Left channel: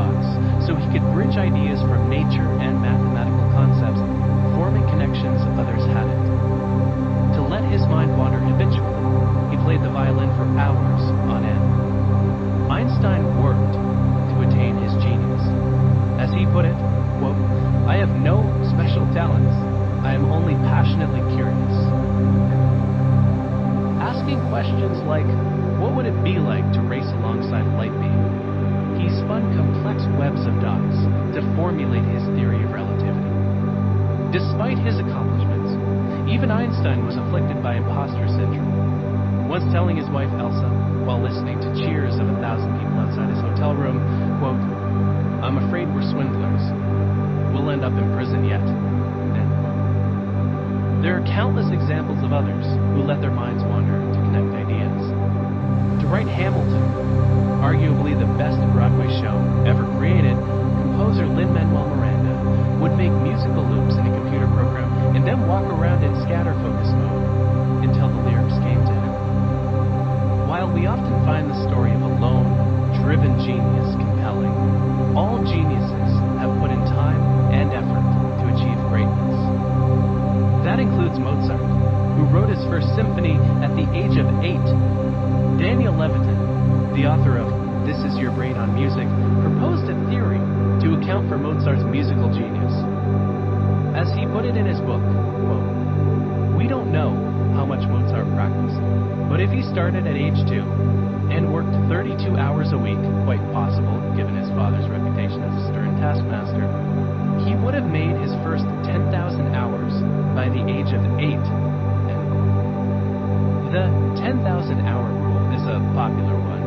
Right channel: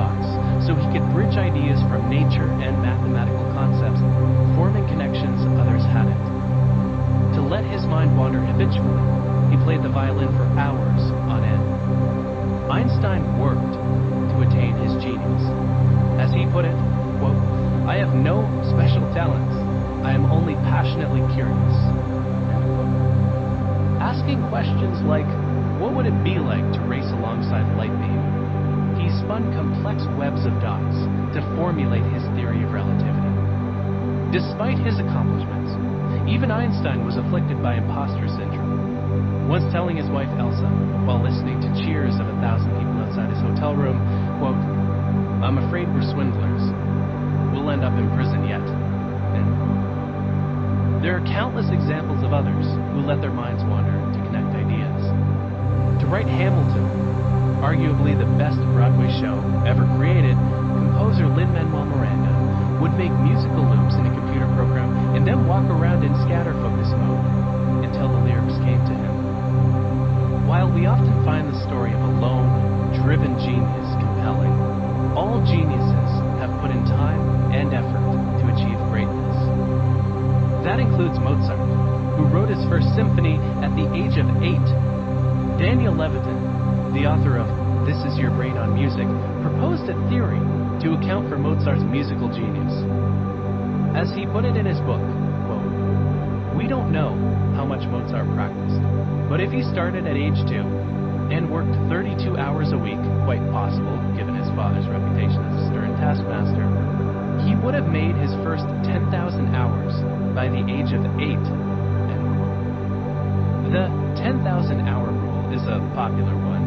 dots so he could bridge ideas from nature and mathematical concepts, forming connections others hadn't. To let his mind wander habitually, he played the violin for hours on end. Einstein worked to attain his genius. As he put it, quote, "I have no special talents. I am only passionately curious." End quote. Asking questions like, what would it be like to race alongside a light beam? He spun complex webs of dots to formulate his theory of relativity. Despite his accomplishments, even Einstein was afflicted by imposter syndrome. Once telling his wife Elsa, while listening to cheers of 1,000 people outside his hotel room, quote, "I'm afraid we're swindlers. We'll end up in prison yet." End quote. There are countless examples of others who let their minds wander to connect ideas. To write Hamilton, arguably the best Broadway show ever created, composer Lin-Manuel Miranda would make musical loops in a computer program and then walk around in scatter focus mode until the lyrics came to him. While we often find the story of a lone, driven genius compelling, all geniuses have put in time and effort to achieve greatness. That includes Mozart, who wrote his first symphony at the age of 8. Daniel Levitin, the author of This Is Your Brain on Music, proposed a theory to account for Mozart's musical genius. As he put it in his book, quote, "We don't know how much Mozart practiced, but if he started at age 2 and worked 32 hours a week, quite possible given his father's reputation as a stern taskmaster, he would have made his first 10,000 hours by the age of 8. End quote. The 10,000 hour rule is a popular one.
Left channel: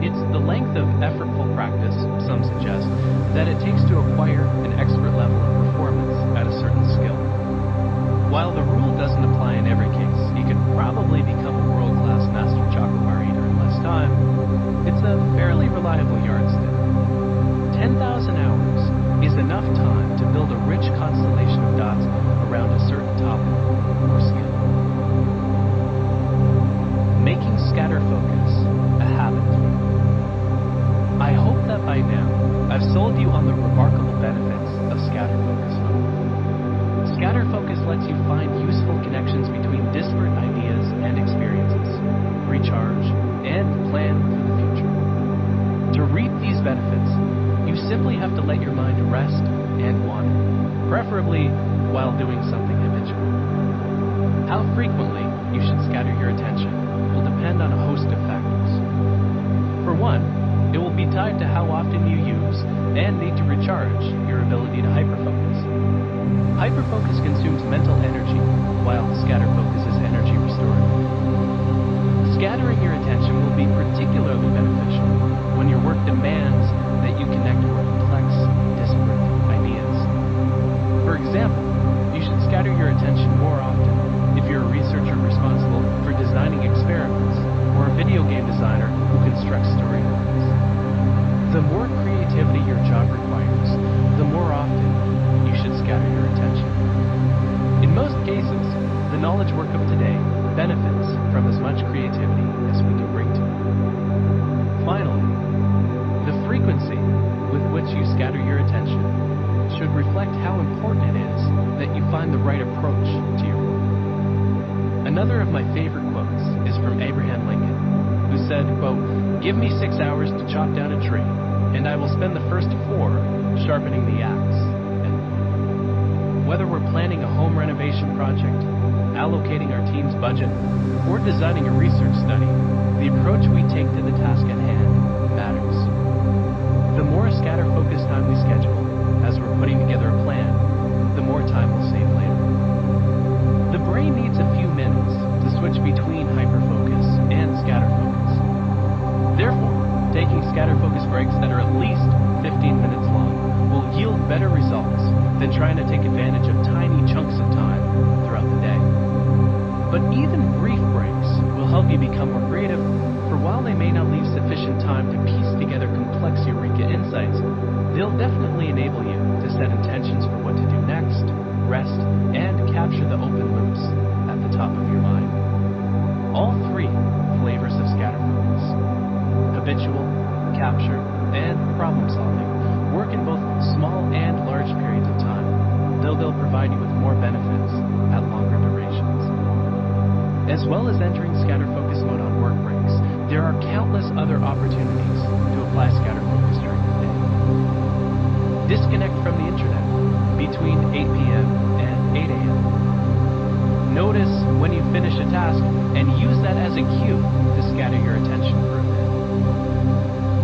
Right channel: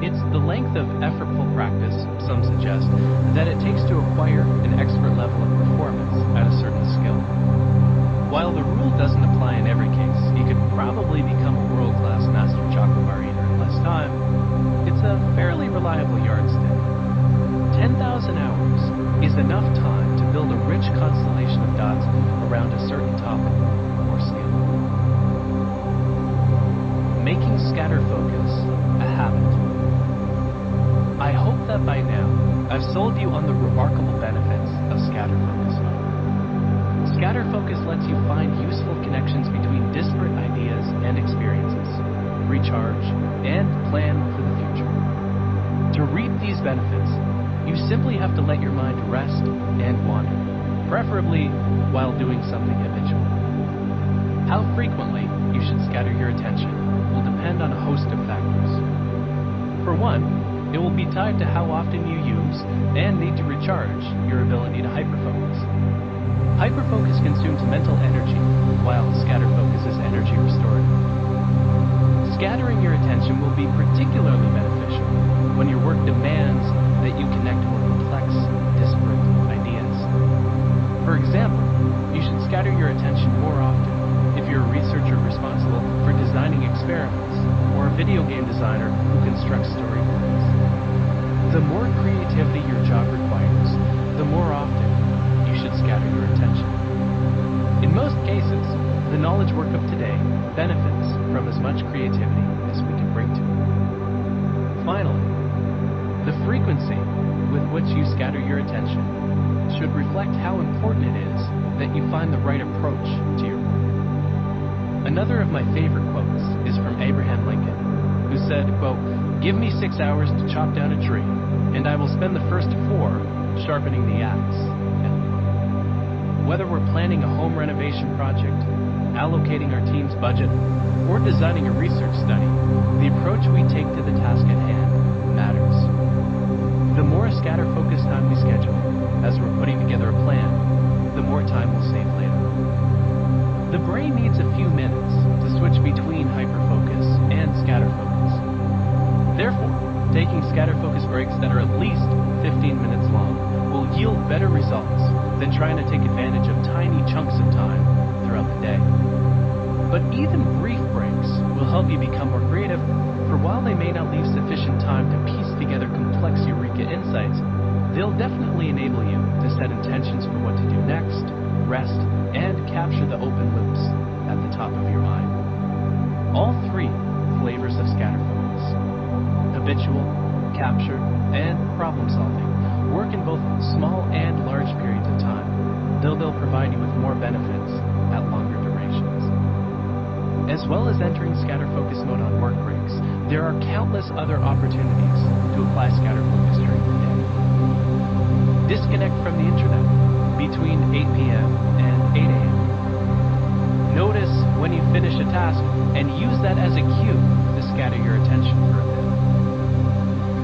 It's the length of effortful practice, some suggest, that it takes to acquire an expert level of performance at a certain skill. While the rule doesn't apply in every case, you could probably become a world-class master chocolate bar eater in less time, it's a fairly reliable yardstick. 10,000 hours is enough time to build a rich constellation of dots around a certain topic or skill. Making scatter focus a habit. I hope that by now I've sold you on the remarkable benefits of scatter focus mode. Scatter focus lets you find useful connections between disparate ideas and experiences, recharge, and plan for the future. To reap these benefits, you simply have to let your mind rest and wander, preferably while doing something habitual. How frequently you should scatter your attention will depend on a host of factors. For one, it will be tied to how often you use and need to recharge your ability to hyperfocus. Hyperfocus consumes mental energy, while scatter focus is energy restorative. Scattering your attention will be particularly beneficial when your work demands that you connect more complex, disparate ideas. For example, you should scatter your attention more often if you're a researcher responsible for designing experiments or a video game designer who constructs story worlds. The more creativity your job requires, the more often you should scatter your attention. In most cases, the knowledge work of today benefits from as much creativity as we can bring to it. Finally, the frequency with which you scatter your attention should reflect how important it is that you find the right approach to your work. Another of my favorite quotes is from Abraham Lincoln, who said, quote, "Give me 6 hours to chop down a tree, and I will spend the first 4 sharpening the axe." End quote. Whether we're planning a home renovation project, allocating our team's budget, or designing a research study, the approach we take to the task at hand matters. The more scatter focus time we schedule as we're putting together a plan, the more time we'll save later. The brain needs a few minutes to switch between hyperfocus and scatter focus. Therefore, taking scatter focus breaks that are at least 15 minutes long will yield better results than trying to take advantage of tiny chunks of time throughout the day. But even brief breaks will help you become more creative, for while they may not leave sufficient time to piece together complex eureka insights, they'll definitely enable you to set intentions for what to do next, rest, and capture the open loops at the top of your mind. All 3 flavors of scatter focus, habitual, capture, and problem solving work in both small and large periods of time, though they'll provide you with more benefits at longer durations. As well as entering scatter focus mode on work breaks, there are countless other opportunities to apply scatter focus during the day. Disconnect from the internet between 8 p.m. and 8 a.m. Notice when you finish a task and use that as a cue to scatter your attention for a bit.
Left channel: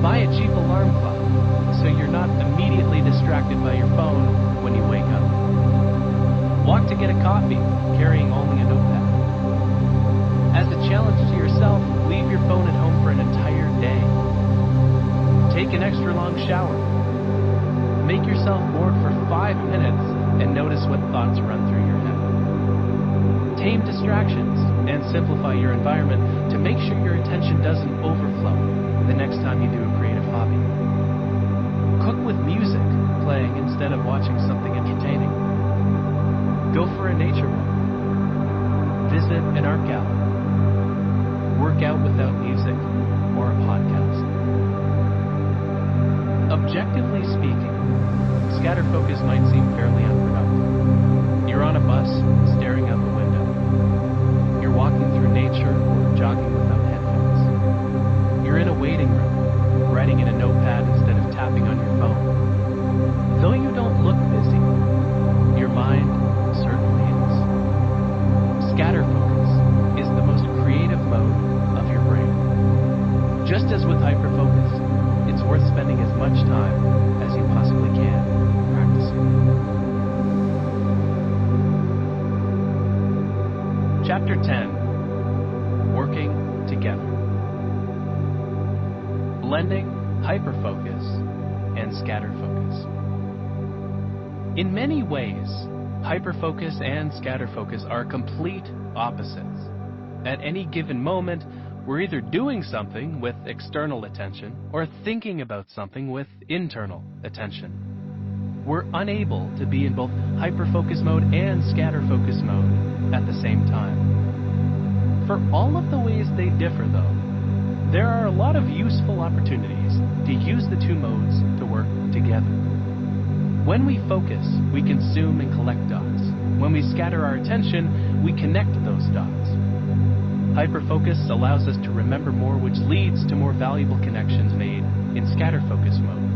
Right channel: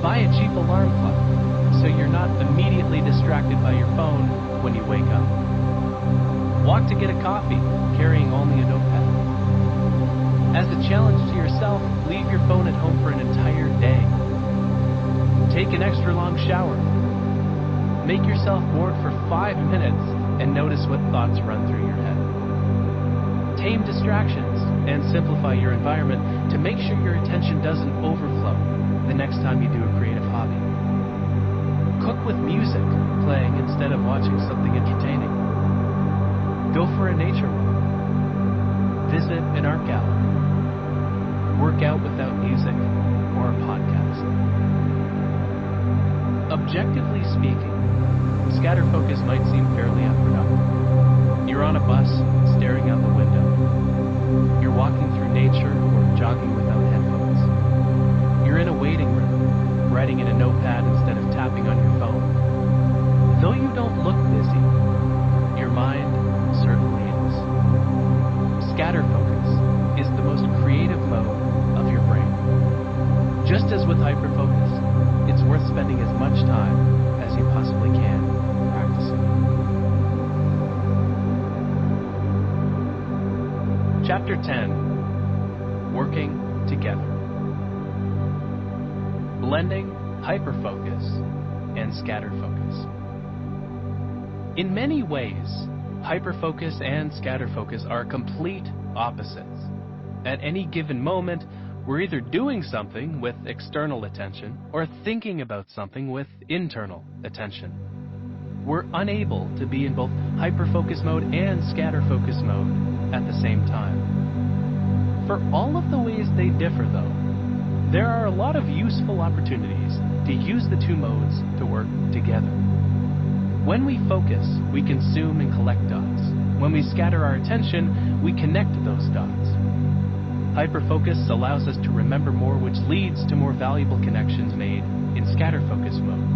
Buy a cheap alarm clock so you're not immediately distracted by your phone when you wake up. Walk to get a coffee, carrying only a notepad. As a challenge to yourself, leave your phone at home for an entire day. Take an extra long shower. Make yourself bored for 5 minutes and notice what thoughts run through your head. Tame distractions and simplify your environment to make sure your attention doesn't overflow the next time you do a creative hobby. Cook with music playing instead of watching something entertaining. Go for a nature walk. Visit an art gallery. Work out without music or a podcast. Objectively speaking, scatter focus might seem fairly unproductive. You're on a bus staring out the window. You're walking through nature or jogging without headphones. You're in a waiting room, writing in a notepad instead of tapping on your phone. Though you don't look busy, your mind certainly is. Scatter focus is the most creative mode of your brain. Just as with hyperfocus, it's worth spending as much time as you possibly can practicing. Chapter 10, Working Together. Blending hyperfocus and scatter focus. In many ways, hyperfocus and scatter focus are complete opposites. At any given moment, we're either doing something with external attention or thinking about something with internal attention. We're unable to be in both hyperfocus mode and scatter focus mode at the same time. For all of the ways they differ, though, there are a lot of useful opportunities to use the two modes to work together. When we focus, we consume and collect dots. When we scatter our attention, we connect those dots. Hyperfocus allows us to remember more, which leads to more valuable connections made in scatter focus mode.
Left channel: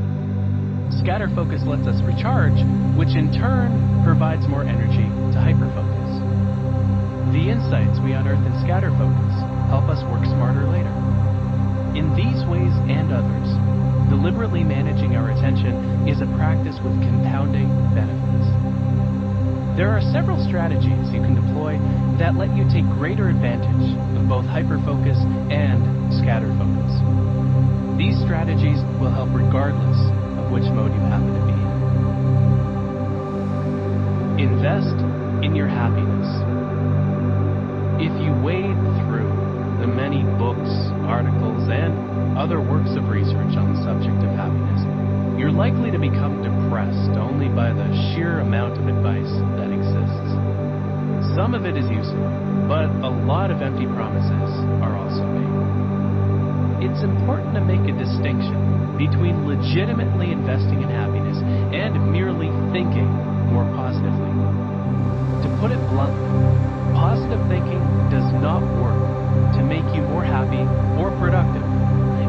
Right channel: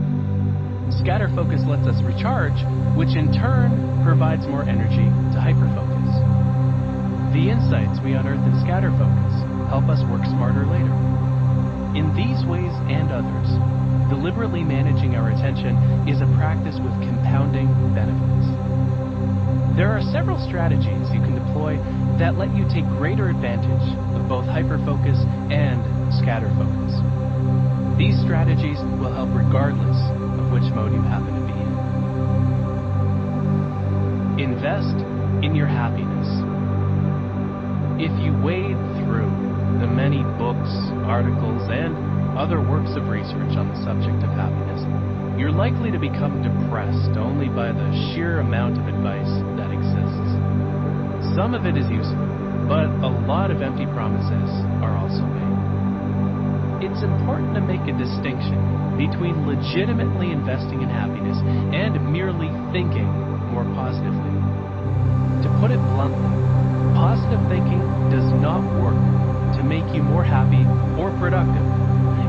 Scatter focus lets us recharge, which in turn provides more energy to hyperfocus. The insights we unearth in scatter focus help us work smarter later. In these ways and others, deliberately managing our attention is a practice with compounding benefits. There are several strategies you can deploy that let you take greater advantage of both hyperfocus and scatter focus. These strategies will help regardless of which mode you happen to be in. Invest in your happiness. If you wade through the many books, articles, and other works of research on the subject of happiness, you're likely to become depressed only by the sheer amount of advice that exists. Some of it is useful, but a lot of empty promises are also made. It's important to make a distinction between legitimately investing in happiness and merely thinking more positively. To put it bluntly, positive thinking does not work to make you more happy or productive.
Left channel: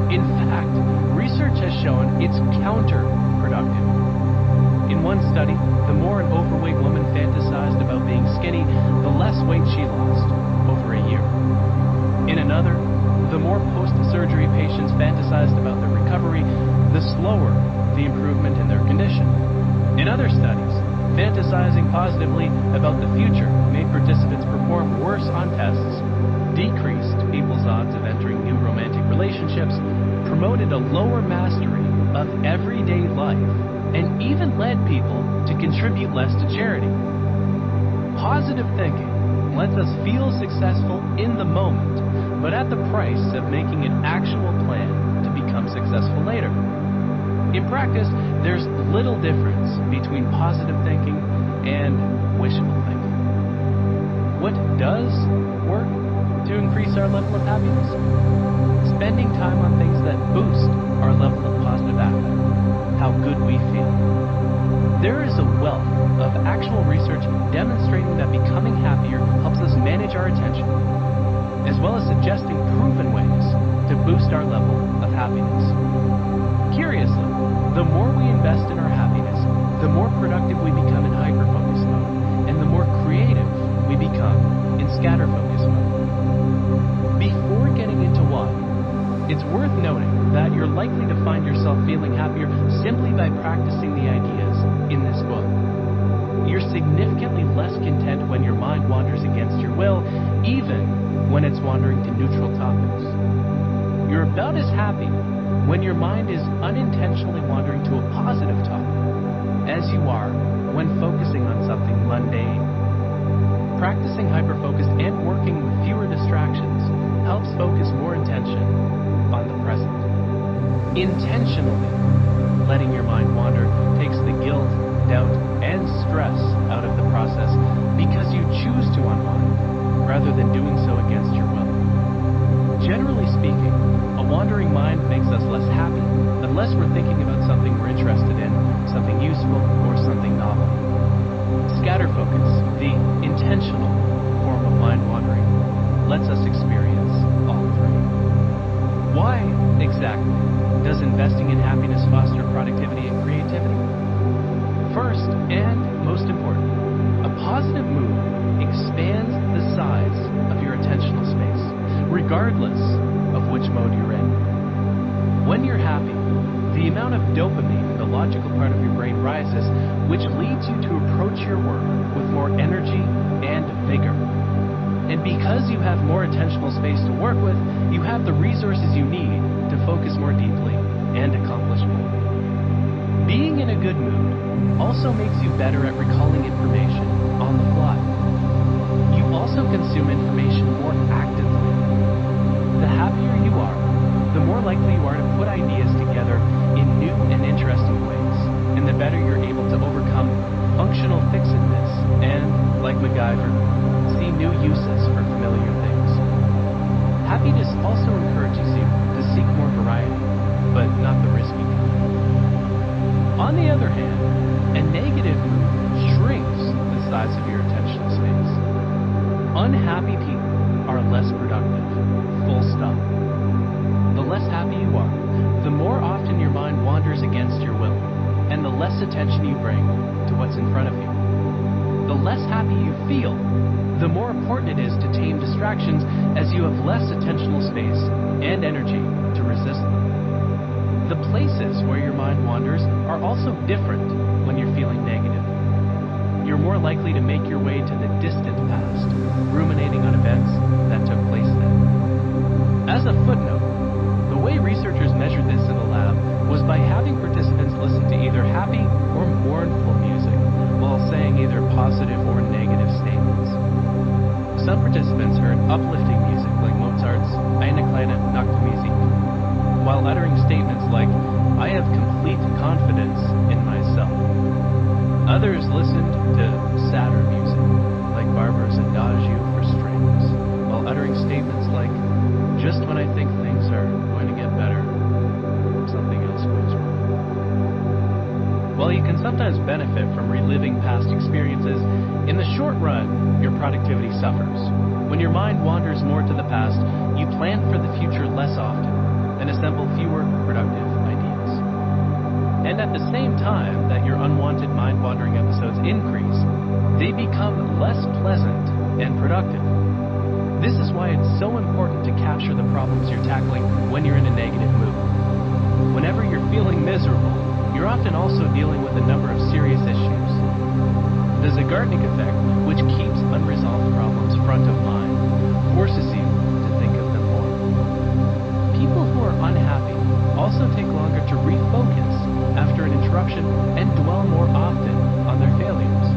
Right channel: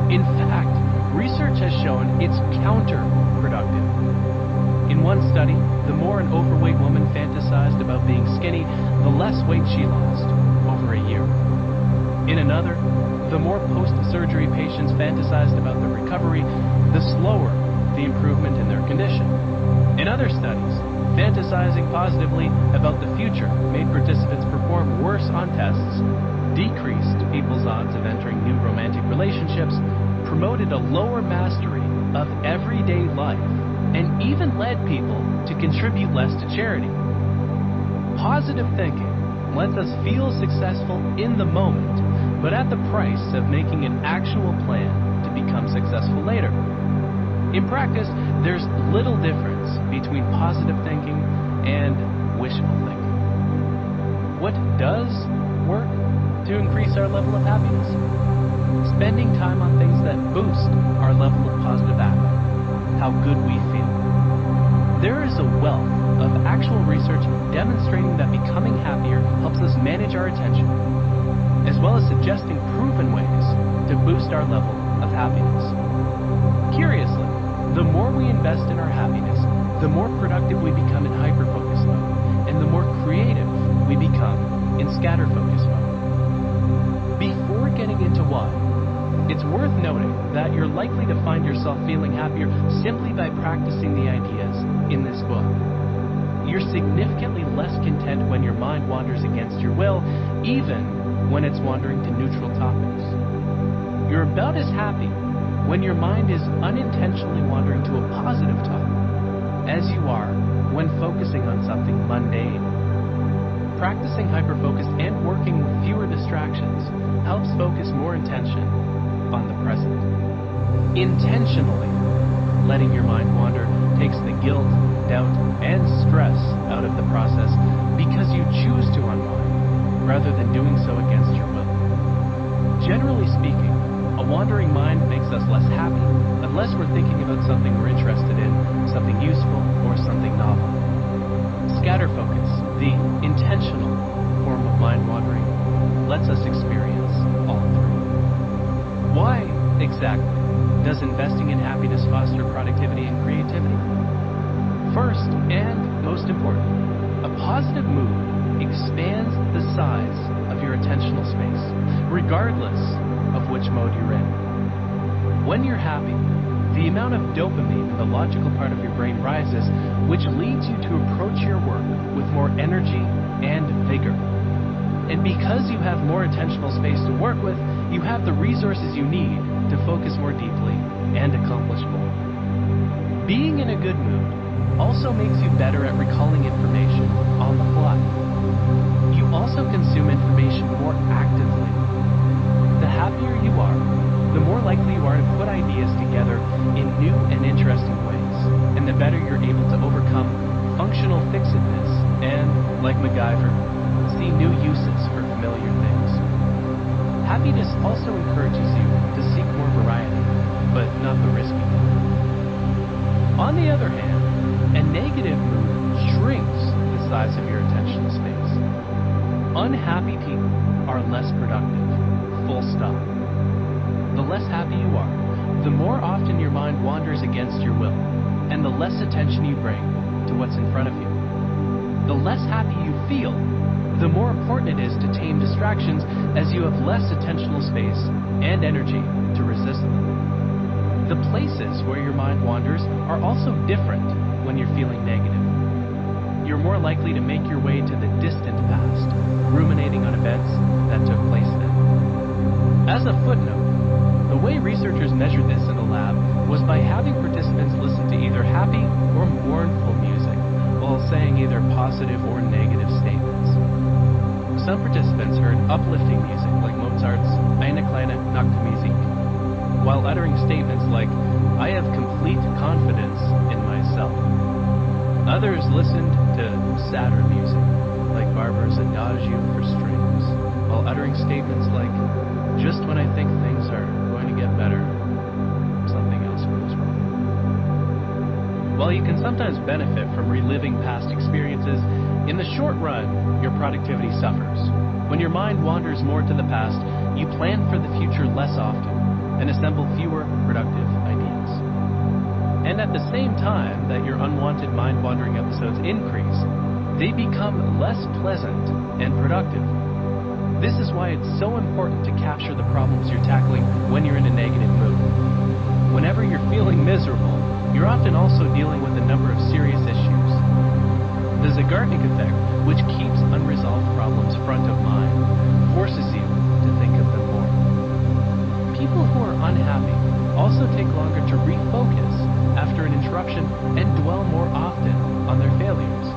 In fact, research has shown it's counterproductive. In one study, the more an overweight woman fantasized about being skinny, the less weight she lost over a year. In another, the more post-surgery patients fantasized about their recovery, the slower the improvement in their condition. In other studies, fantasizing positively about the future made participants perform worse on tests, decreased people's odds of entering new romantic relationships, promoted a lower mastery of everyday life, and even led people to contribute less to charity. Positive thinking lets us feel successful in the moment, but at the price of making an actual plan to become successful later. In practice, there's little difference between positive thinking and wishful thinking. What does work to increase our level of happiness? spending time on things that boost our level of positive affect, how good we feel. There is a wealth of actual research demonstrating that becoming happier helps us manage our attention, as well as suggesting proven ways to boost our level of happiness. Curiously, the more we invest in our happiness, the more productive we become in hyperfocus mode, and the more creative we become in scatterfocus mode. Before getting into why, it's worth noting that you're likely to find yourself feeling happier simply by practicing the ideas in this book. You're significantly less content when your mind wanders against your will, even when it's wandering to neutral topics. You're about as happy when your mind is unintentionally wandering to a positive topic as you are when focusing on something mundane. Practicing hyperfocus and working with fewer distractions helps focus more attention on the present. Intentionally letting your mind wander takes the guilt, doubt, and stress out of the process because you choose to unwind rather than doing so against your will. Generally speaking, a wandering mind makes us less happy unless we're thinking about something we're interested in, something useful, or something novel. Scatterfocus, the intentional form of mind wandering, lets us experience all three. Why, exactly, does investing in happiness foster productivity and creativity? First, and most important, a positive mood expands the size of your attentional space, regardless of which mode you're in. When you're happy, the amount of dopamine in the logical part of your brain rises, which leads you to approach your work with more energy and vigor. And because you have more attentional space to work with, you have the resources you need to focus more deeply and accomplish more. Being in a good mood also makes you better at recalling information on the fly. You also consume information more actively. The happier you are, the more likely you are to put ideas together in new and interesting ways, and the better you're able to overcome functional fixedness and, like MacGyver, see new uses for familiar things. Happiness also encourages you to seek more variety, but not the risky kind. On the other hand, a negative mood shrinks the size of your attentional space. Unhappy people are less productive. Full stop. The less happy you are, the more often your mind wanders against your will, and the less attention you bring to what's in front of you. The less happy you feel, the more important it is to tame distractions as you have less attentional space and energy to resist them. The places where your mind wanders are also different when you're feeling negative. You're more likely to make your way to the distant past, ruminating on events that took place then. As a footnote, the way researchers measured this in the lab was by having participants listen to either happy or mournful music while saying either positive or negative statements. Some participants heard uplifting music like Mozart's Eine kleine Nachtmusik, while uttering statements like, "I have complete confidence in myself." Others listened to sadder music, like Barber's Adagio for strings, while uttering statements like, "Just when I think things are going to get better, something else goes wrong." While you can sometimes benefit from reliving past experiences, in the short run, your productivity suffers. When your mind wanders more to the past, you plan for the future less often and assemble fewer productive ideas. And at the same time that your unwanted mind-wandering episodes increase, they become less pleasant and productive. This is why it's so important to capture the problems you're tackling when you're in a negative mood. Whenever you're feeling miserable, you're often also dealing with a number of serious issues. The Zeigarnik effect, which keeps unresolved problems front of mind, forces you to think of them more. People who are unhappy also take longer to refocus after an interruption and dwell more often on their failures.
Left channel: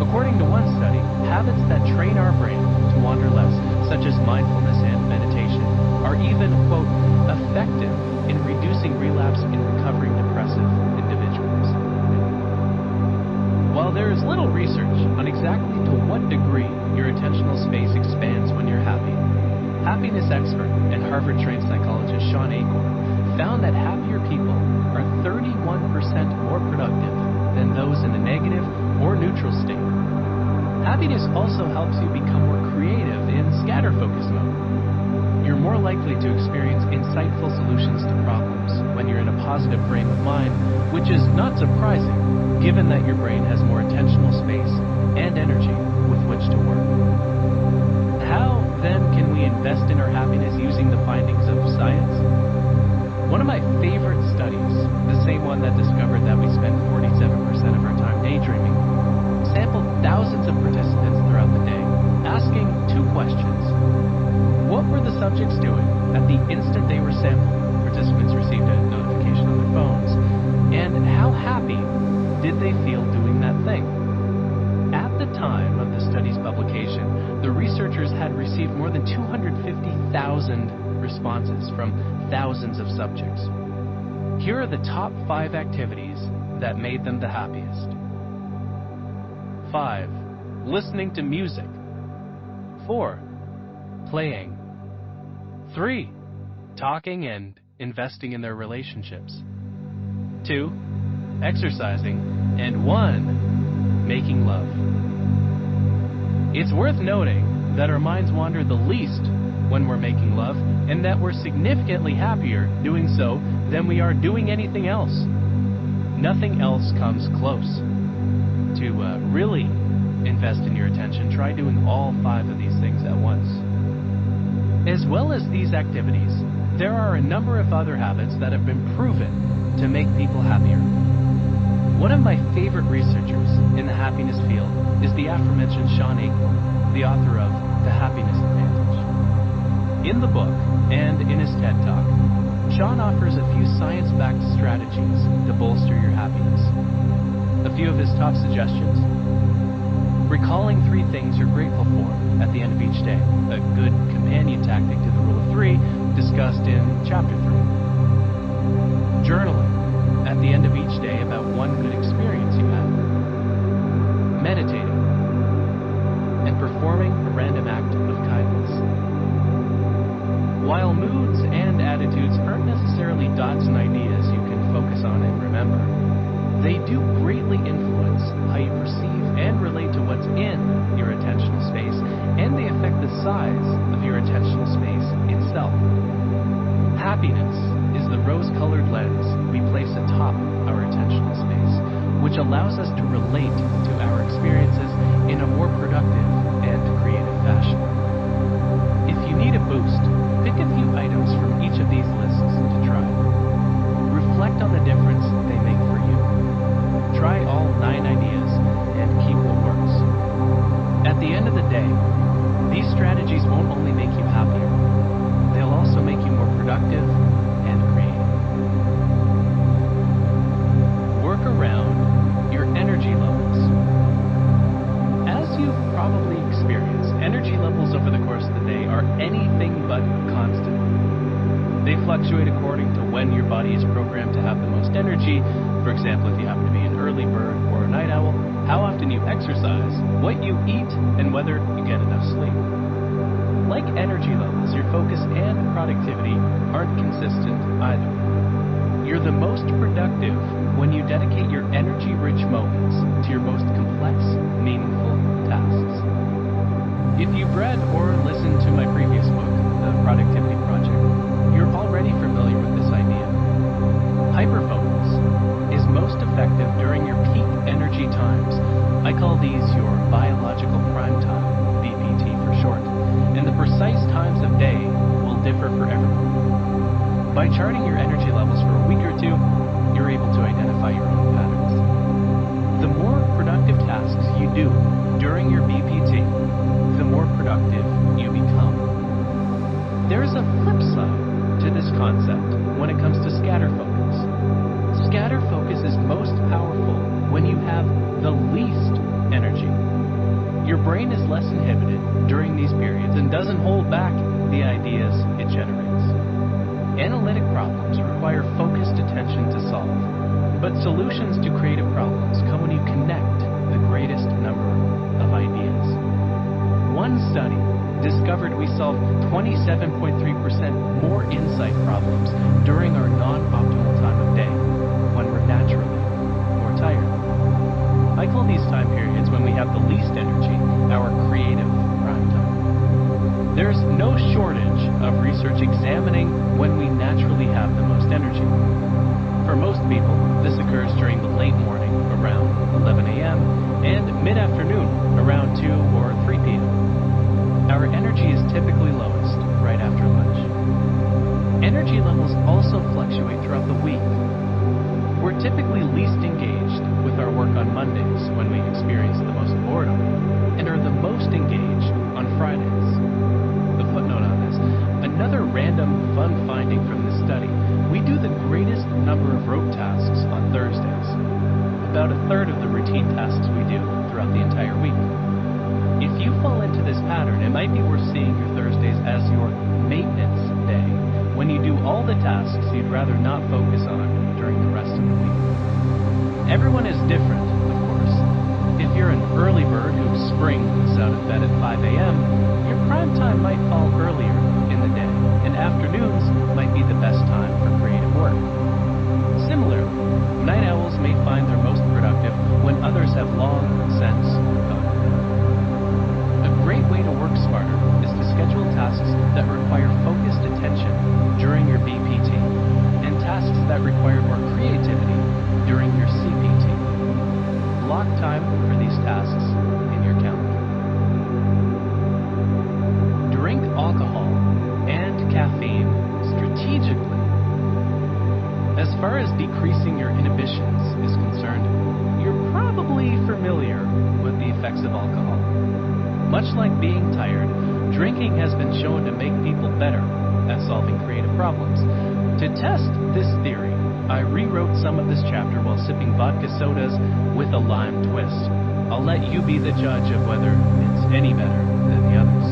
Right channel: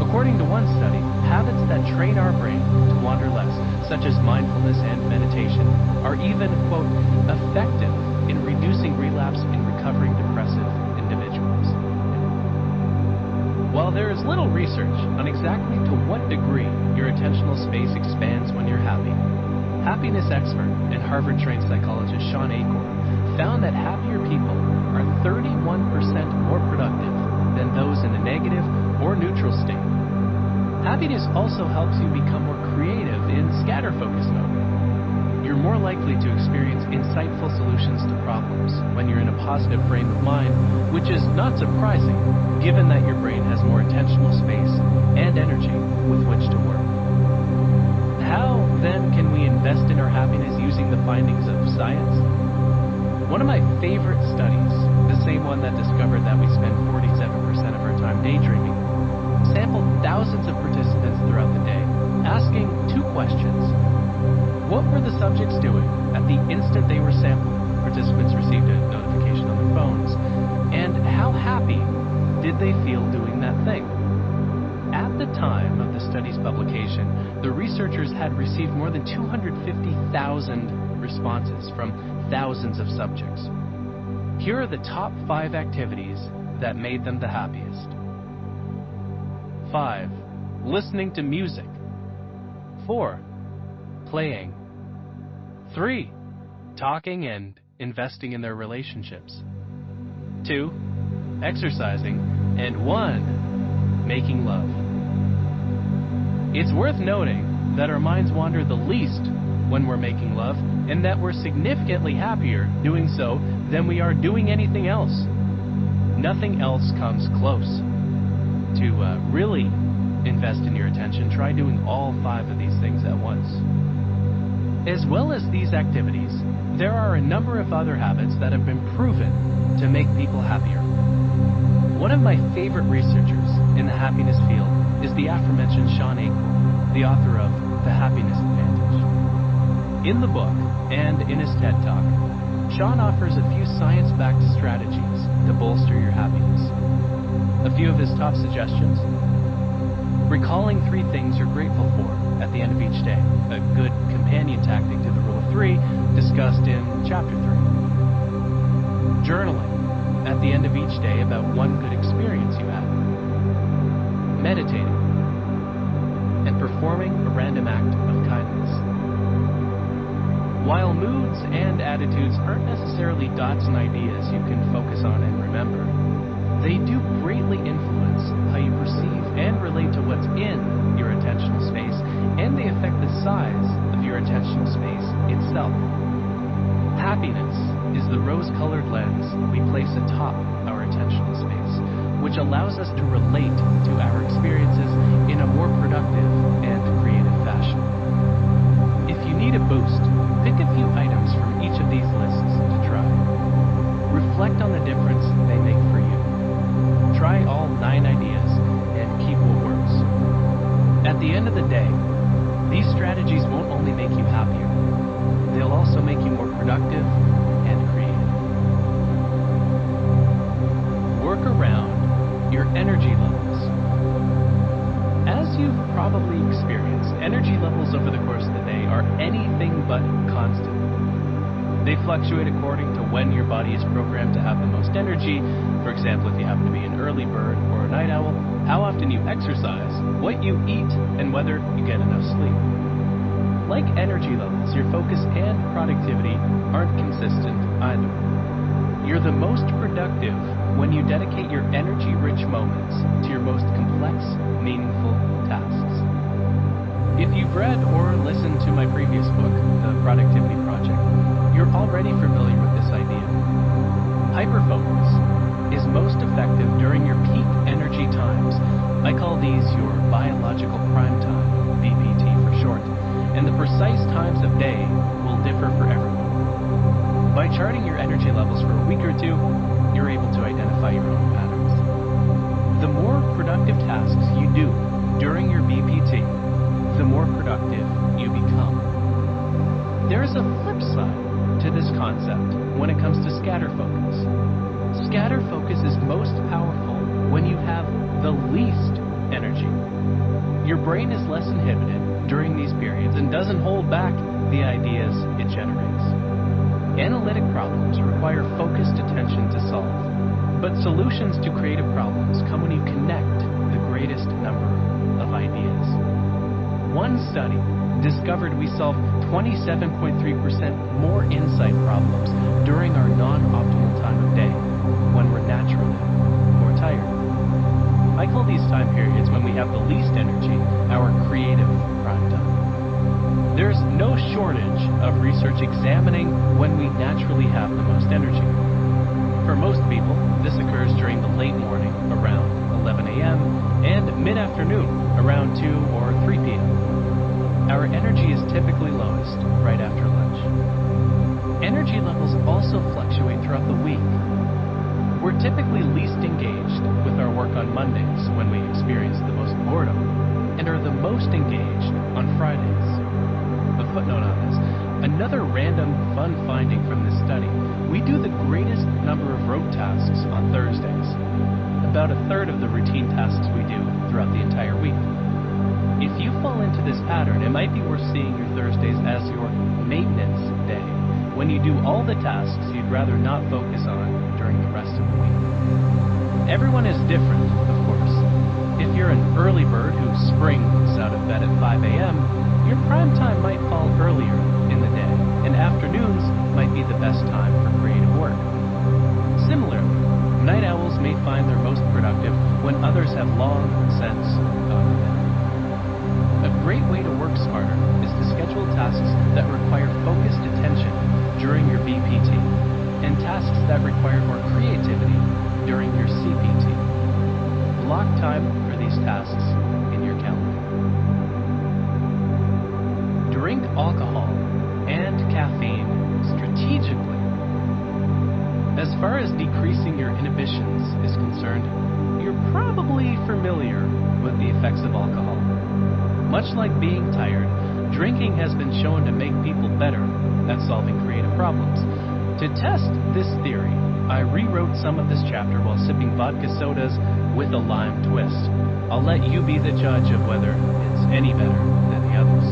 According to one study, habits that train our brain to wander less, such as mindfulness and meditation, are even, quote, effective in reducing relapse in recovering depressive individuals. While there is little research on exactly to what degree your attentional space expands when you're happy, Happiness expert and Harvard-trained psychologist Sean Achor found that happier people are 31% more productive than those in a negative or neutral state. Happiness also helps you become more creative in scatter focus mode. You're more likely to experience insightful solutions to problems when you're in a positive frame of mind, which is not surprising given that your brain has more attentional space and energy with which to work. How, then, can we invest in our happiness using the findings of science? One of my favorite studies, the same one that discovered that we spend 47% of our time daydreaming, sampled thousands of participants throughout the day, asking two questions. What were the subjects doing at the instant they were sampled? Participants received a notification on their phones. And how happy did they feel doing that thing? At the time of the study's publication, the researchers had received more than 250,000 responses from thousands of subjects. Here are the top 5 activities that made them the happiest. 5. Listening to music. 4. Playing. 3. Talking and investing in their relationships. 2. Exercising. And 1. Making love. It's worth noting that our minds wander the least when we're making love, and that we're significantly happier doing so than we are doing anything else. Nothing else comes close. To really invest in your attention, try doing all 5 of these things at once. As well as these activities, there are a number of other habits that have been proven to make people happier. One of my favorite researchers in the happiness field is the aforementioned Sean Achor, the author of The Happiness Advantage. In the book, and in his TED Talk, Sean offers a few science-backed strategies to bolster your happiness. A few of his top suggestions: recalling 3 things you're grateful for at the end of each day, a good companion tactic to the rule of 3 discussed in chapter 3. Journaling at the end of each day about one good experience you had. Meditating and performing a random act of kindness. While moods and attitudes aren't necessarily dots and ideas you can focus on and remember, they do greatly influence how you perceive and relate to what's in your attentional space, and they affect the size of your attentional space itself. Happiness is the rose-colored lens we place atop our attentional space, which allows us to relate to our experiences in a more productive and creative fashion. If you need a boost, pick a few items from each of these lists to try. Reflect on the difference they make for you. Try all 9 ideas and keep what works. At the end of the day, these strategies won't only make you happier, they'll also make you more productive and creative. Work around your energy levels. As you've probably experienced, energy levels over the course of the day are anything but constant. They fluctuate according to when your body is programmed to have the most energy. For example, if you happen to be an early bird or a night owl, how often you exercise, what you eat, and whether you get enough sleep. Like energy levels, your focus and productivity aren't consistent either. You're the most productive when you dedicate your energy-rich moments to your most complex, meaningful tasks. If you've read or listened to my previous book, The Productivity Project, you're already familiar with this idea. HyperFocus is most effective during your peak energy times. I call these your biological prime time, BPT for short, and the precise times of day will differ for everyone. By charting your energy levels for a week or 2, you're able to identify your own patterns. The more productive tasks you do during your BPT, the more productive you become. There is a flip side to this concept when it comes to scatter focus. Scatter focus is most powerful when you have the least energy. Your brain is less inhibited during these periods and doesn't hold back the ideas it generates. Analytic problems require focused attention to solve, but solutions to creative problems come when you connect the greatest number of ideas. One study discovered we solve 27.3% more insight problems during our non-optimal time of day, when we're naturally more tired. I call these time periods when we have the least energy our creative prime time. There's no shortage of research examining when we naturally have the most energy. For most people, this occurs during the late morning around 11 a.m. and mid-afternoon around 2 or 3 p.m. Our energy is typically lowest right after lunch. Energy levels also fluctuate throughout the week. We're typically least engaged with our work on Mondays when we experience the most boredom, and are the most engaged on Fridays. A footnote on this, another random fun finding from this study, we do the greatest number of rote tasks on Thursdays, about a third of the routine tasks we do throughout the entire week. If you fall into this pattern, it might be worth seeing your Thursdays as your maintenance day, when you do all the tasks you'd rather not focus on during the rest of the week. Everyone is different, of course. If you're an early bird who springs out of bed at 5 a.m., your prime time might fall earlier in the day, and afternoons might be the best time for creative work. Similarly, night owls may find their most productive when others have long since gone to bed. A great way to work smarter is to schedule tasks that require focused attention during your BPT, and tasks that require more creativity during your CPT. Block time for these tasks in your calendar. Drink alcohol and caffeine strategically. As far as decreasing your inhibitions is concerned, you're probably familiar with the effects of alcohol. Much like being tired, drinking has been shown to make people better at solving creative problems. To test this theory, I rewrote some of this chapter while sipping vodka sodas with a lime twist. I'll let you be the judge of whether it's any better than the others.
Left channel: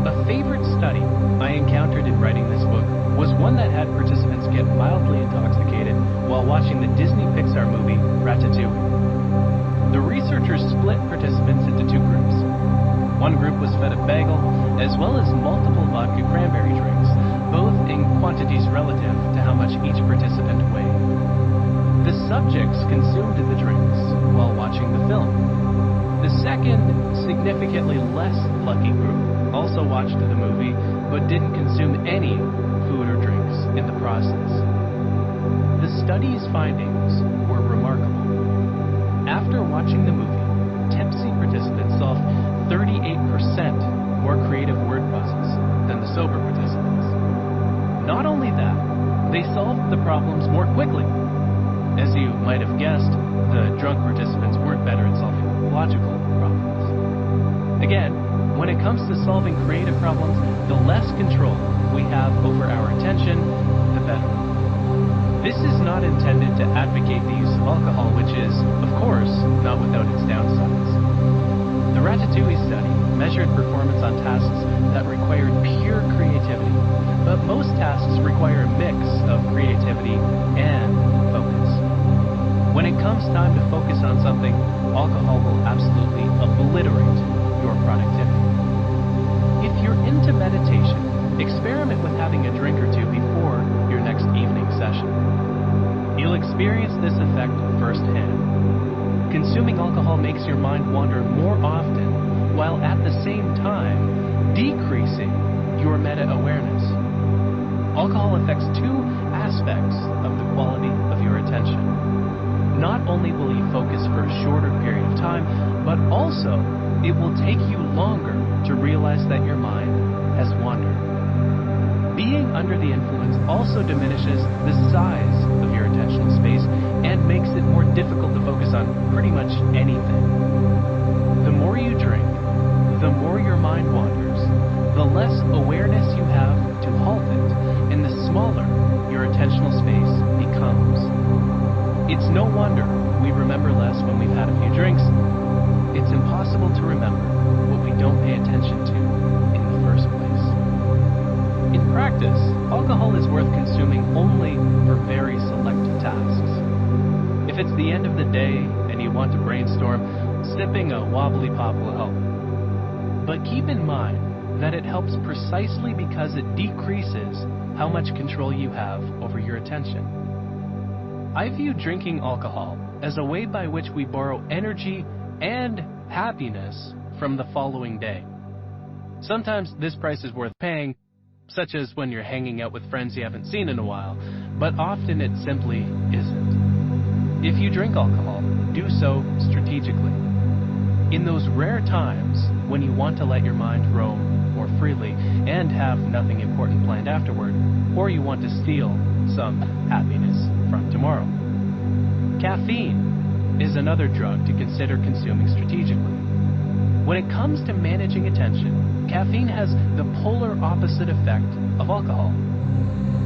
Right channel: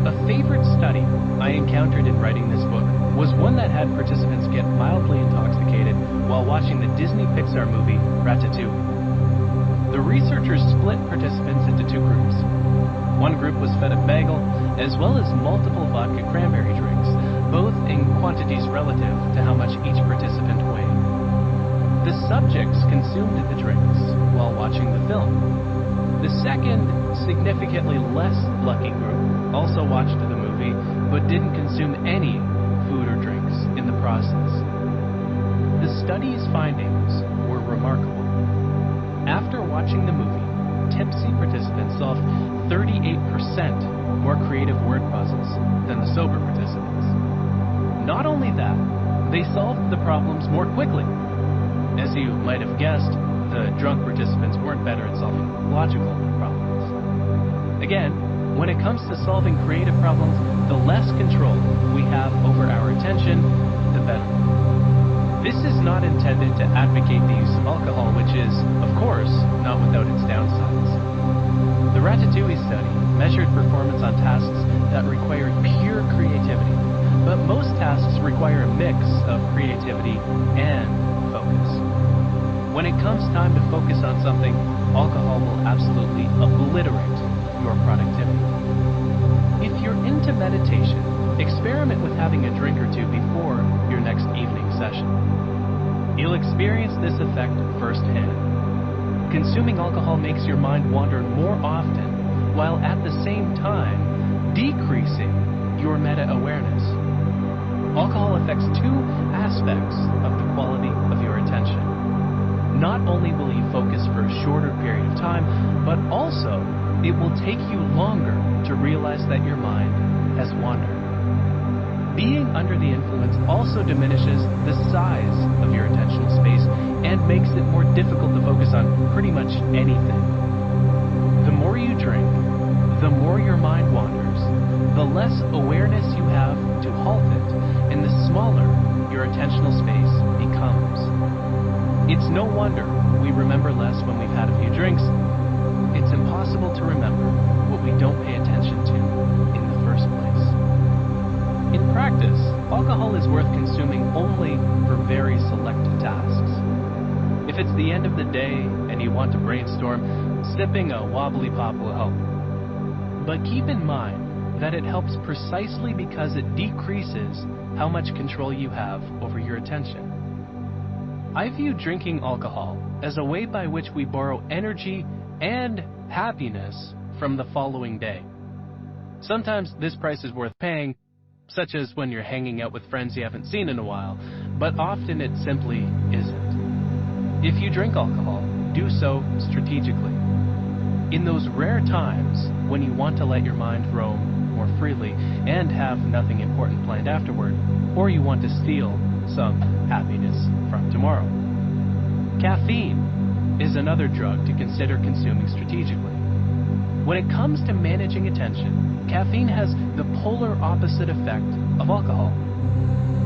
A favorite study I encountered in writing this book was one that had participants get mildly intoxicated while watching the Disney Pixar movie Ratatouille. The researchers split participants into two groups. One group was fed a bagel, as well as multiple vodka cranberry drinks, both in quantities relative to how much each participant weighed. The subjects consumed the drinks while watching the film. The second, significantly less lucky group also watched the movie, but didn't consume any food or drinks in the process. The study's findings were remarkable. After watching the movie, tipsy participants solved 38% more creative word puzzles than the sober participants. Not only that, they solved the problems more quickly. As you might have guessed, the drunk participants weren't better at solving logical problems. Again, when it comes to solving creative problems, the less control we have over our attention, the better. This is not intended to advocate the use of alcohol, which is, of course, not without its downsides. The Ratatouille study measured performance on tasks that required pure creativity, but most tasks require a mix of creativity and focus. When it comes time to focus on something, alcohol will absolutely obliterate your productivity. If you're into meditation, experiment with having a drink or two before your next evening session. You'll experience this effect firsthand. Consuming alcohol makes your mind wander more often, while at the same time decreasing your meta-awareness. Alcohol affects two aspects of the quality of your attention. Not only will you focus for a shorter period of time, but also it will take you longer to realize that your mind has wandered. Being under the influence also diminishes the size of your attentional space and makes it more difficult to focus on pretty much anything. The more you drink, the more your mind wanders, the less awareness you have to halt it, and the smaller your attentional space becomes. It's no wonder we remember less when we've had a few drinks. It's impossible to remember what we don't pay attention to in the first place. In practice, alcohol is worth consuming only for very select tasks. If it's the end of the day and you want to brainstorm, sipping a wobbly pop will help. But keep in mind that it helps precisely because it decreases how much control you have over your attention. I view drinking alcohol as a way by which we borrow energy and happiness from the following day. Sometimes this price is worth paying, such as when you're hanging out with friends you haven't seen in a while, but often it simply isn't. If you drink alcohol, do so strategically. In those rare times when you want to let your mind roam more freely and have nothing important planned afterward, or you want to steal some happiness from tomorrow. Caffeine is another drug to consider consuming strategically. When it comes to managing attention, caffeine has the polar opposite effect of alcohol.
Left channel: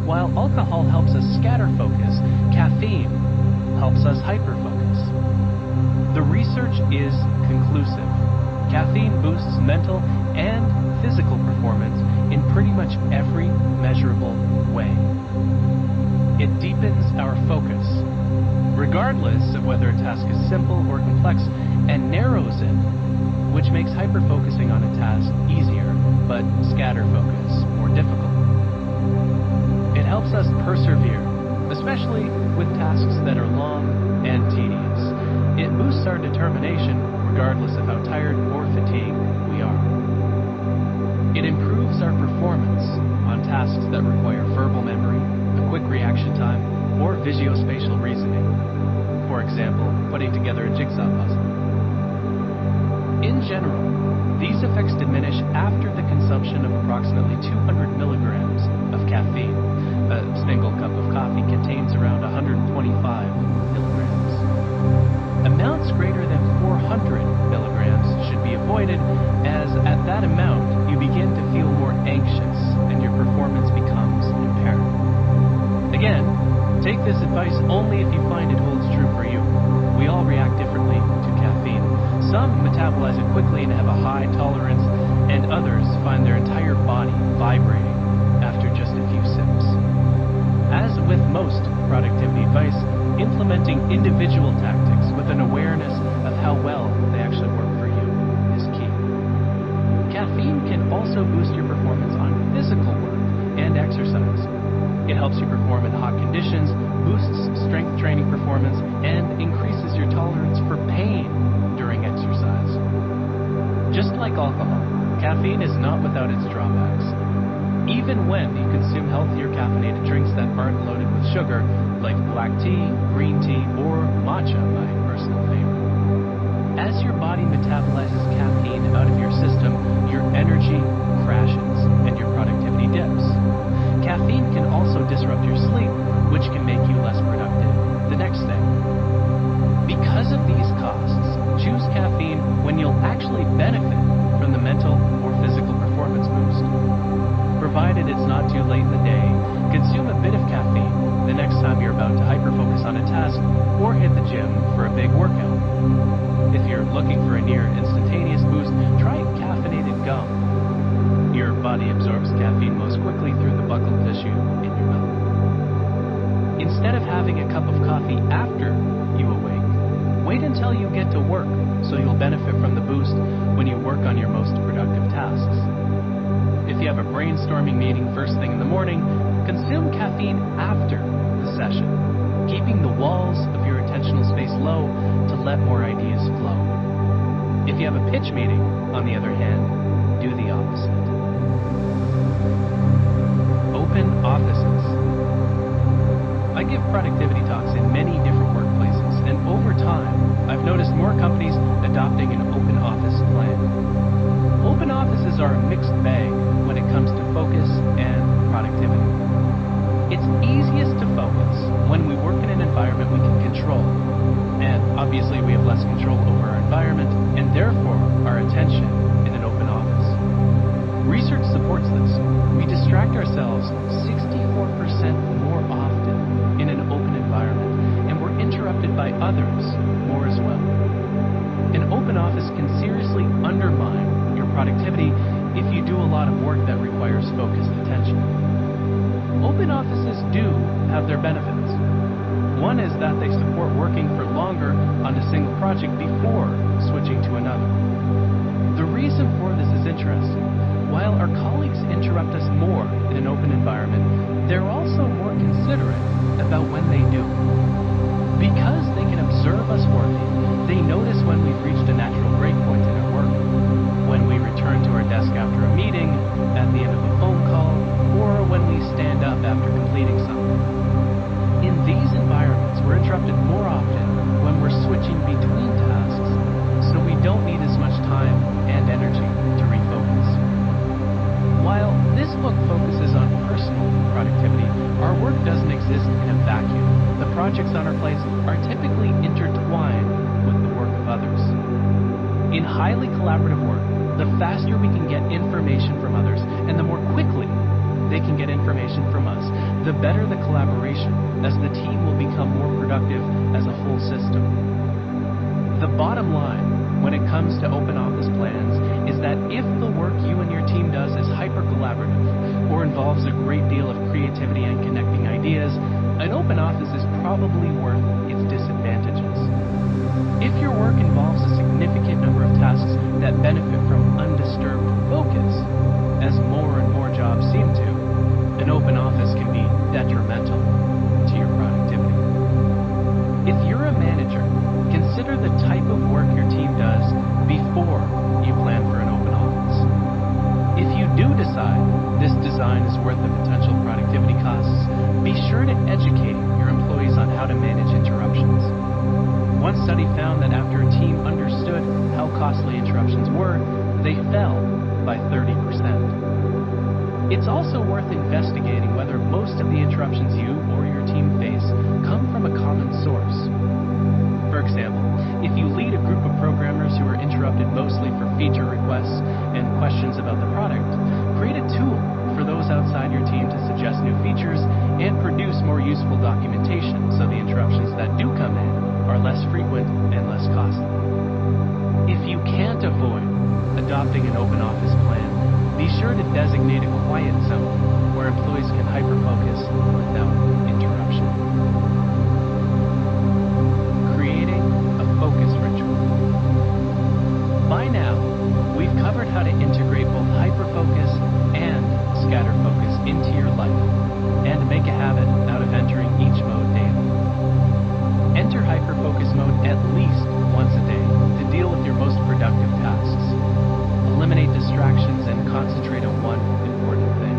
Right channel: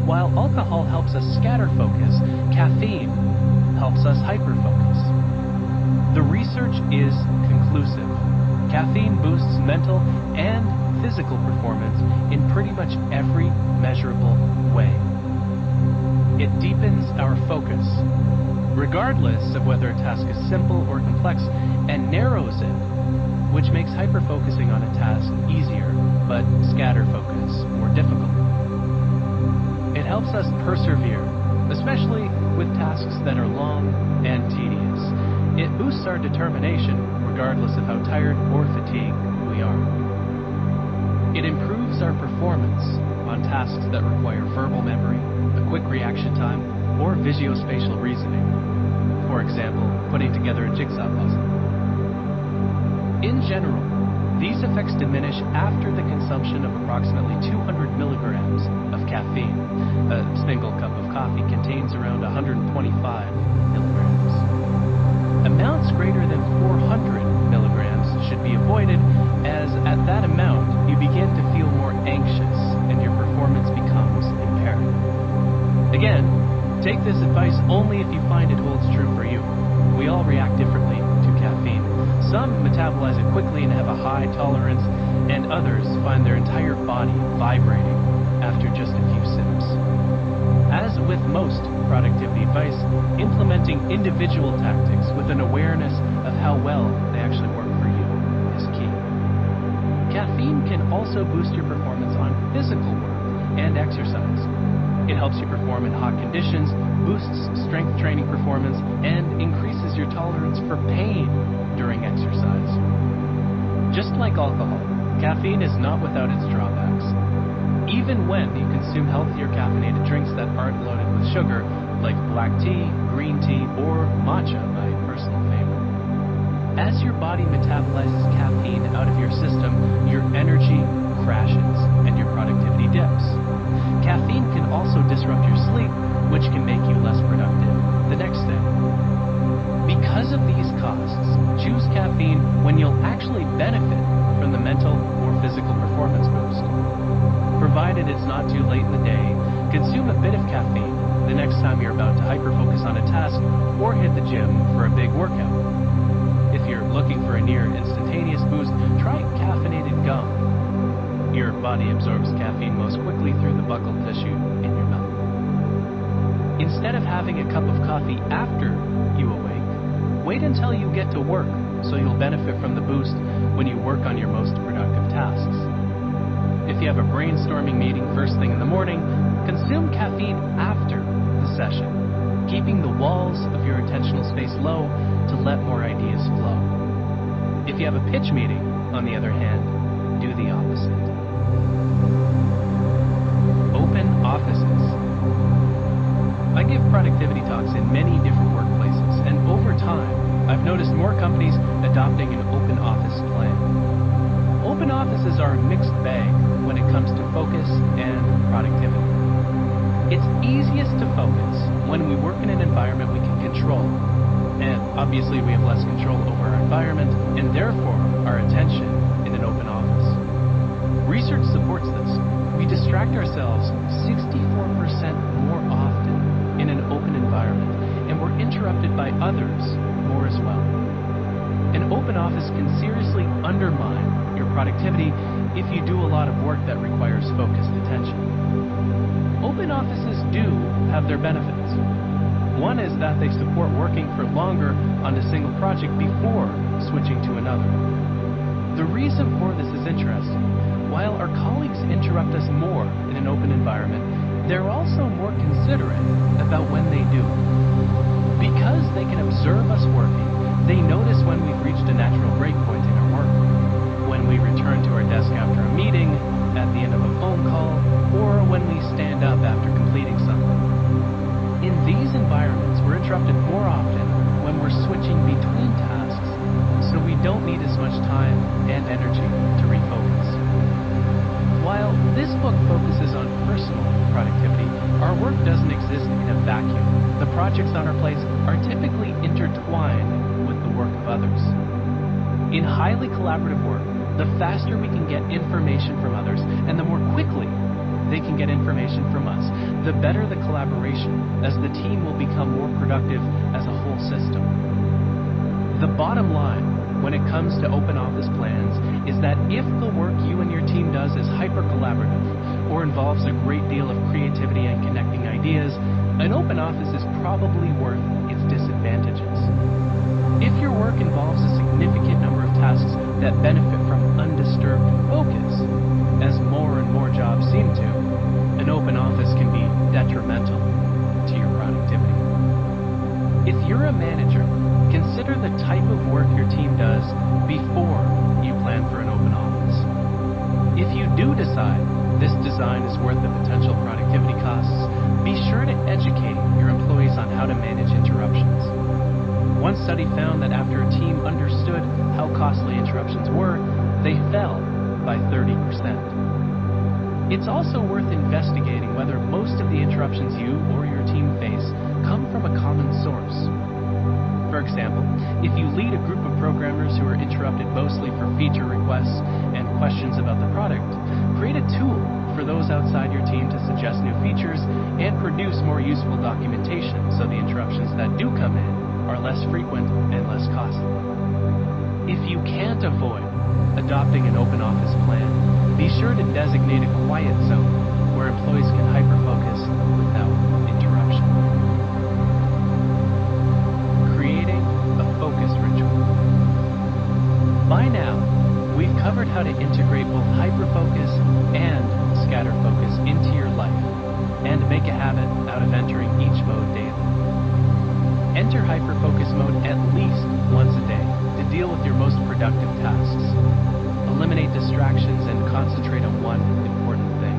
While alcohol helps us scatter focus, caffeine helps us hyperfocus. The research is conclusive. Caffeine boosts mental and physical performance in pretty much every measurable way. It deepens our focus, regardless of whether a task is simple or complex, and narrows it, which makes hyperfocusing on a task easier, but scatter focus more difficult. It helps us persevere, especially with tasks that are long and tedious. It boosts our determination, regardless of how tired or fatigued we are. It improves our performance on tasks that require verbal memory, a quick reaction time, or visuospatial reasoning. For example, putting together a jigsaw puzzle. In general, these effects diminish after the consumption of approximately 200 milligrams of caffeine. A single cup of coffee contains around 125 milligrams. Amounts greater than 400 milligrams should be avoided, as at that amount you begin to feel more anxious and your performance becomes impaired. Again, take this advice only if you find it holds true for you. We all react differently to caffeine. Some metabolize it quickly and have a high tolerance, and others find their entire body vibrating after just a few sips. As with most productivity advice, implementing individual tactics with an awareness of how well they actually work for you is key. Caffeine can also boost your performance on physical work and exercise. It helps you perform in hot conditions, boosts strength training performance, and increases your tolerance for pain during exercise. Just like alcohol, caffeine is not without its drawbacks. Even when you consume healthier caffeinated drinks that aren't loaded with sugar, like black tea, green tea, or matcha, my personal favorite. As your body metabolizes caffeine out of your system, your energy crashes and your productivity dips. Caffeine can also disrupt your sleep, which can make you less productive the next day. Because of these costs, choose caffeine when you'll actually benefit from the mental or physical performance boost. Provided it's not too late in the day, consume a bit of caffeine the next time you're about to hyperfocus on a task or hit the gym for a big workout. If you're looking for a near instantaneous boost, try caffeinated gum. Your body absorbs caffeine most quickly through the buccal tissue in your mouth. Instead of having a cup of coffee after you awake, wait until you get to work so you'll benefit from the boost when you work on your most productive tasks. If you have a brainstorming meeting first thing in the morning, consume caffeine after the session, keeping the walls of your attentional space low to let more ideas flow. If you have a pitch meeting, on the other hand, do the opposite. Open offices. I give productivity talks in many different workplaces, and over time, I've noticed more companies adopting an open office plan. Open offices are a mixed bag when it comes to focus and productivity. It's easiest to focus when we work in an environment we can control, and obviously we have less control over our environment and therefore our attention in an open office. Research supports this. We distract ourselves 64% more often in an open environment, and we're interrupted by others more as well. An open office can seriously undermine your productivity if you do a lot of work that requires focused attention. Open offices do have their benefits. One is that they support working for longer on a single project before switching to another. The reason for this is interesting. While our colleagues interrupt us more in an open environment, they're also more considerate about when they do. Because they can observe us working, they notice when we've reached a natural breakpoint in our work, when we return to our desk after a meeting, at the end of a phone call, or when we stand up after completing something. In these environments, we're interrupted more often when we're switching between tasks, so we don't need as much time and energy to refocus. While this book focuses on personal productivity, our work doesn't exist in a vacuum. The projects on our plates are typically intertwined with the work of others. In highly collaborative work, the faster we can get information from others and the more quickly they can get information from us, the better the collaboration, as the team will become more productive as a whole system. The bottom line when it comes to open office plans is that if the work you and your team does is hyper-collaborative or involves a great deal of creativity and connecting ideas, an open office is probably worth its disadvantages. If your work involves a significant number of tasks that benefit from undisturbed focus, as more and more jobs seem to, an open office can be detrimental to your productivity. If you're a manager, consider the type of work your team does before you plan for an open office. If you do decide this design is worth the potential productivity costs, be sure to educate your employees on how to manage interruptions. One study found that after a team understood how costly interruptions were, they fell by 30%. It's also worth investigating whether most of the interruptions you or your team face come from a common source. For example, if you lead a group of programmers who are interrupted mostly for feature requests and questions about the product, create a tool for those outside your team to suggest new features and produce more useful documentation so the interruptions that do come in are less frequent and less costly. If you can't avoid adopting an open office plan, be sure to designate a quiet zone where employees can hyper-focus without interruption. Creating a focus ritual. By now, we've covered how to integrate both hyperfocus and scatter focus into your life and make a habit out of entering each mode daily. Enter hyperfocus mode at least once a day to deal with your most productive tasks. Eliminate distractions and concentrate on one important thing.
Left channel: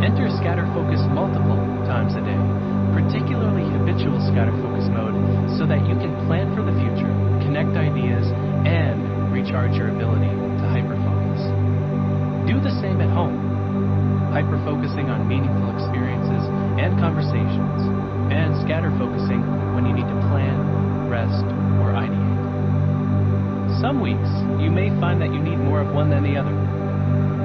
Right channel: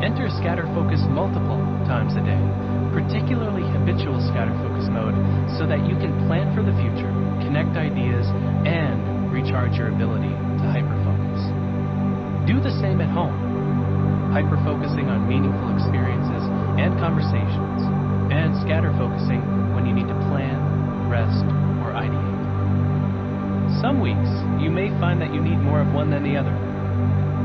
Enter scatter focus multiple times a day, particularly habitual scatter focus mode, so that you can plan for the future, connect ideas, and recharge your ability to hyperfocus. Do the same at home, hyperfocusing on meaningful experiences and conversations, and scatter focusing when you need to plan, rest, or ideate. Some weeks, you may find that you need more of one than the other.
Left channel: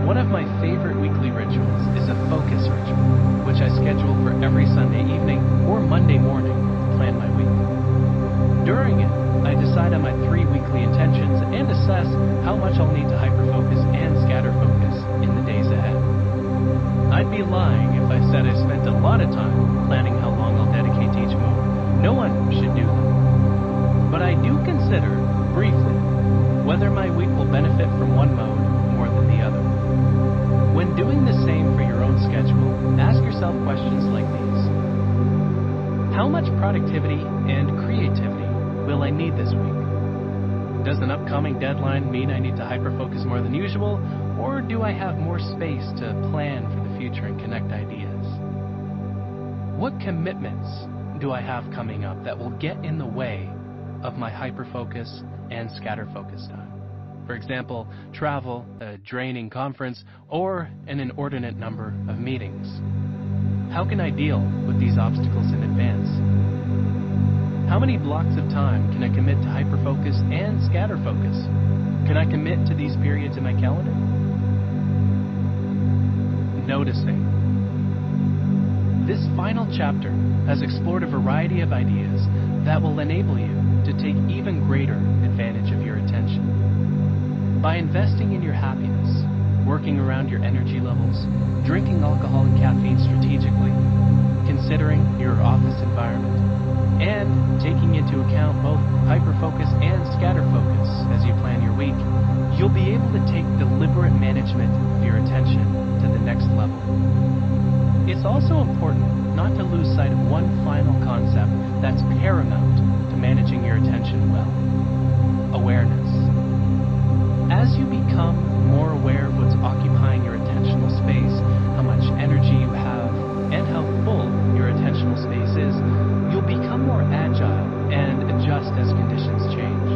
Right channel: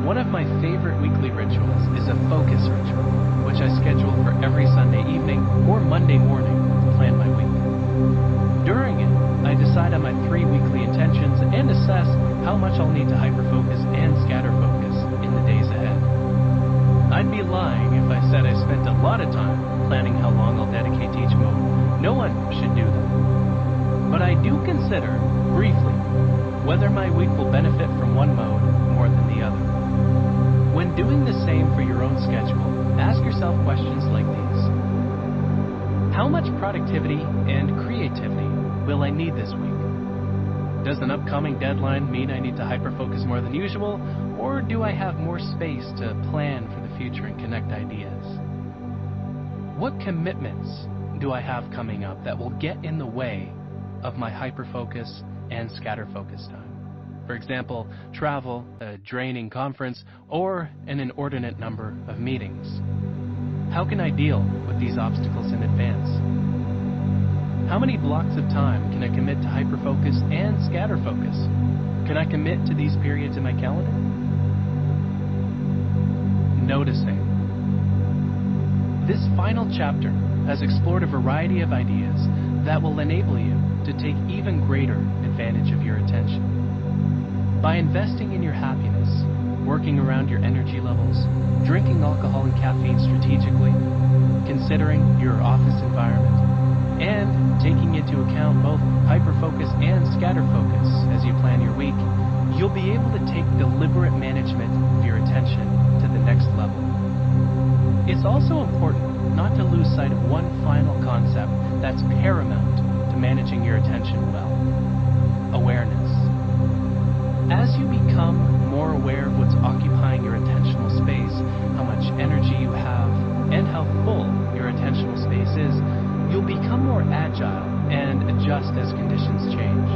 One of my favorite weekly rituals is a focus ritual, which I schedule for every Sunday evening or Monday morning to plan my week. During it, I decide on my 3 weekly intentions and assess how much I'll need to hyperfocus and scatter focus in the days ahead. I'd be lying if I said I spent a lot of time planning how long I'll dedicate to each mode. No one should do that. But I do consider, briefly, whether my week will benefit from one mode more than the other. When doing the same for your own schedule, ask yourself questions like these. How much productivity and creativity will I need this week? Does an upcoming deadline mean I need to hyperfocus more than usual, or do I have more space to plan for the future and connect ideas? What commitments do I have coming up that will get in the way of my hyperfocus and scatter focus time? For example, travel, a draining conference, or an inordinate number of meetings. How can I deal with these obstacles in advance? How many blocks of time can I commit to hyperfocus and scatter focus? Can I commit to these periods in my calendar? Noticing. This final chapter has explored a variety of ideas that will enable you to take even greater advantage of your attention. By investing in your happiness, working around your energy levels, drinking alcohol and caffeine strategically, considering your office environment, and taking into account both hyperfocus and scatter focus as you plan your week, you'll be able to take deliberate management of your attention to the next level. It's also important not to lose sight of one final concept that's paramount to managing your attention well: awareness. As you become more aware of what's occupying your attentional space, how much energy you have, and how full your attentional space is, you'll become more agile and adjust as conditions change.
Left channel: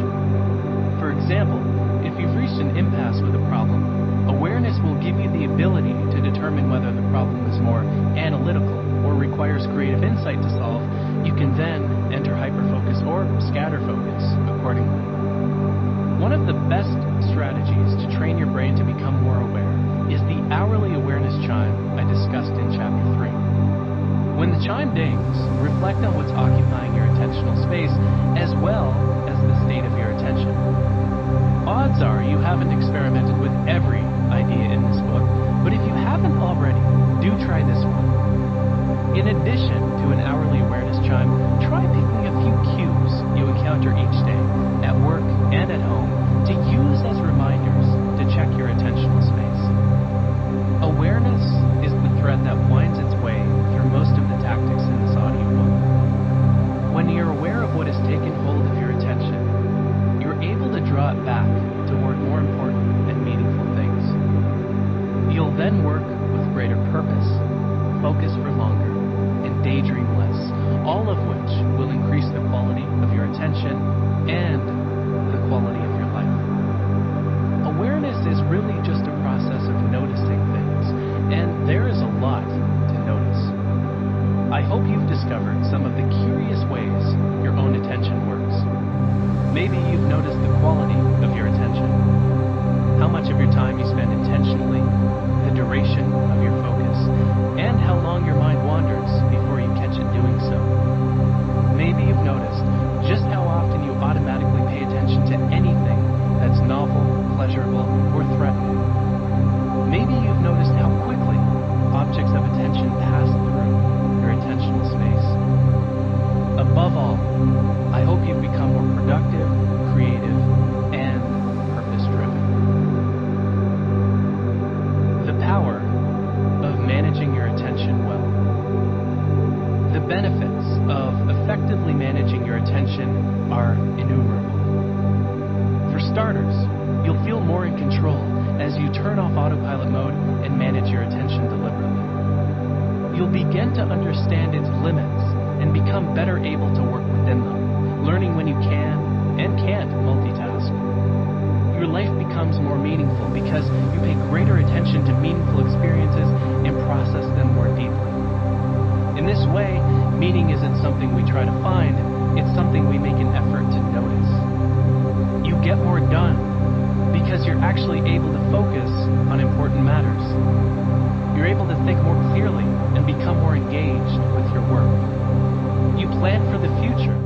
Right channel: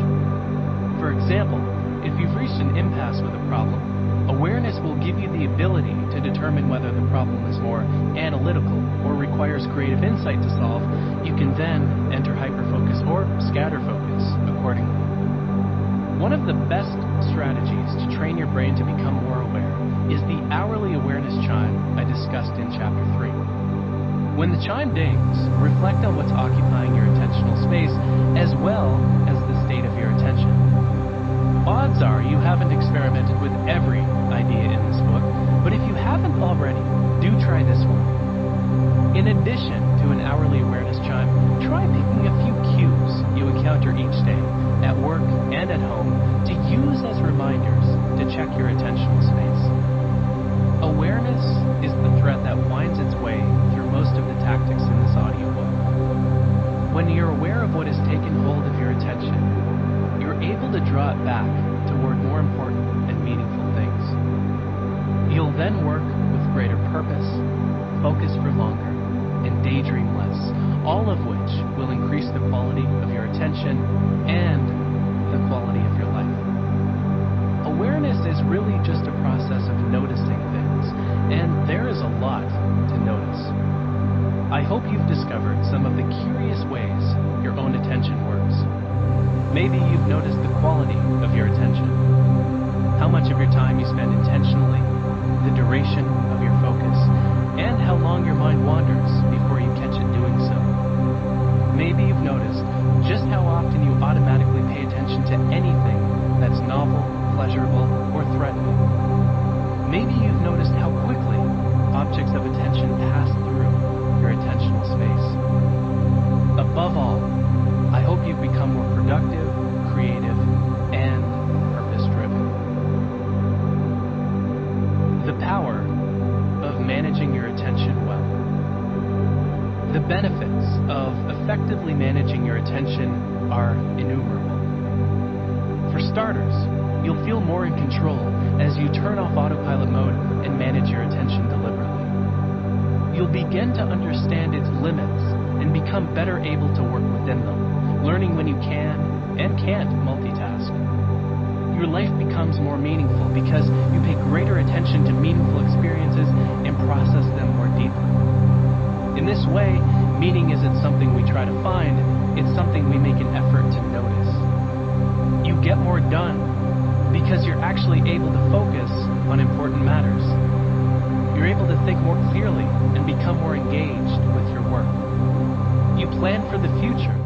For example, if you've reached an impasse with a problem, awareness will give you the ability to determine whether the problem is more analytical or requires creative insight to solve. You can then enter hyperfocus or scatterfocus accordingly. One of the best strategies to train your brain to become more aware is the hourly awareness chime I discussed in Chapter 3. When the chime dings, reflect on what's occupying your attentional space as well as the state of your attention. Odds are you haven't experimented with every idea in this book, but if you haven't already, do try this one. In addition to an hourly awareness chime, try picking a few cues you encounter each day, at work and at home, to use as reminders to check your attentional space. Awareness is the thread that winds its way through most of the tactics in this audiobook. When you're aware of what has taken hold of your attention, you're able to draw it back toward more important and meaningful things. You'll then work with greater purpose, focus for longer, and daydream less, all of which will increase the quality of your attention and the quality of your life. Awareness is really just a process of noticing things, and there is a lot to notice. I hope you've discovered some of the curious ways your own attention works. Maybe you've noticed the quality of your attention, how much of your time you spend intentionally, the duration of your focus, and how long your mind wanders before you catch it doing so. Maybe you've noticed just how often you automatically pay attention to anything that's novel, pleasurable, or threatening. Maybe you've noticed how quickly objects of attention pass through your attentional space. Above all, I hope you've become more productive, creative, and purpose-driven. The power of managing your attention well. The benefits of effectively managing your attention are innumerable. For starters, you'll feel more in control as you turn off autopilot mode and manage your attention deliberately. You'll begin to understand its limits and become better able to work within them, learning when you can and can't multitask. Your life becomes more meaningful because you pay greater attention to meaningful experiences and process them more deeply. In this way, meaning isn't something we try to find, it's something we make an effort to notice. You get more done because you're actually able to focus on important matters. You're able to think more clearly and become more engaged with your work. You plan for the future